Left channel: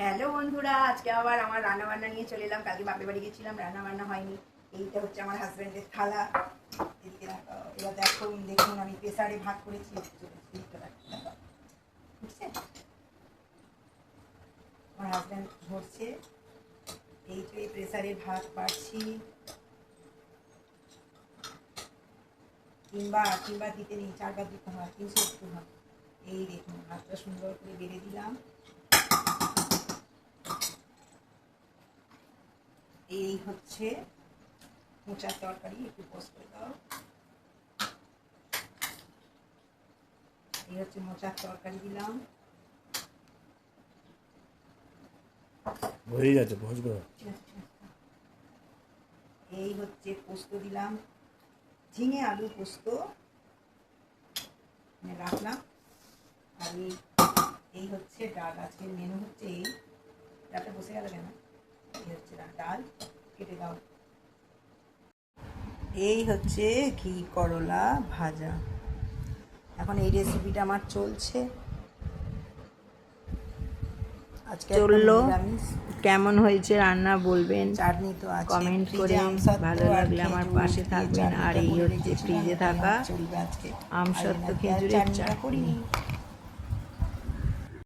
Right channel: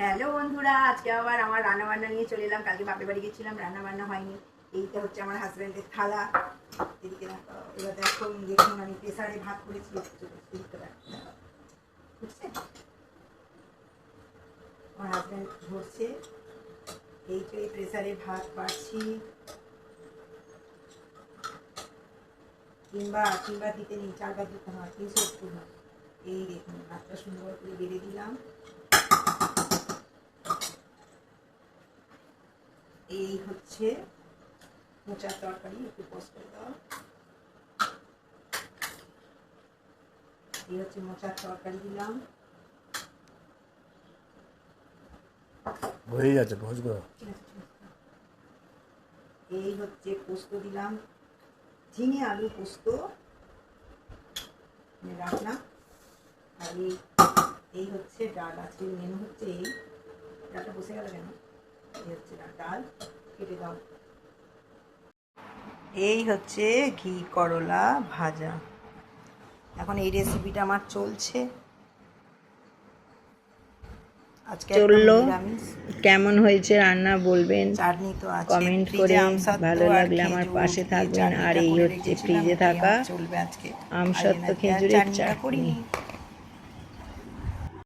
Hello বন্ধুরা, আজকে আবার আমার রান্না বান্না নিয়ে চলে এলাম। কালকে বাপের বাড়ি গেছিলাম, রান্না বান্না হয়নি। এইটা হচ্ছে আমার হাজব্যান্ডের থালা। এদিকে দেখো, এবার দেখুন আমি প্রেসারে ভাত করেছি। বুঝছে আমার হাজব্যান্ড ধরছে, এই তো এই প্রেসারে ভাত পাচ্ছি। তিনবার দিতে নেই, 4 বার দিতে হয়, 380 হয়। এই দেখুন ভাতটা সুন্দর করে বেড়ে দিলাম। এই হচ্ছে মোচার তরকারি, একটু পোস্ট করে দাও। এই হচ্ছে মোচার তরকারি দিলাম। হয়ে যাচ্ছে ভোজগো। এই হচ্ছে পোস্ত দিলাম, ঝিঙে আলু পোস্ত রাখলাম। আর এই হচ্ছে ডাল, আজকের মেনু হচ্ছে এই ডালটা। বসে গেল কেন? এই হচ্ছে ডাল, কেটে দাও। এই হচ্ছে ঘি করলা ভাজা। এখন এই রেসিপিটা আমার চলছে। আজকে চললো। কেমন হয়েছে রান্না বলবেন, চাটনি তো আছে, কমেন্ট করে। ভালো লাগলে আমার পাশে থাকবেন। আর এই হচ্ছে ফ্রিজে থাকা আমসত্ত্ব খেজুরের চাটনি।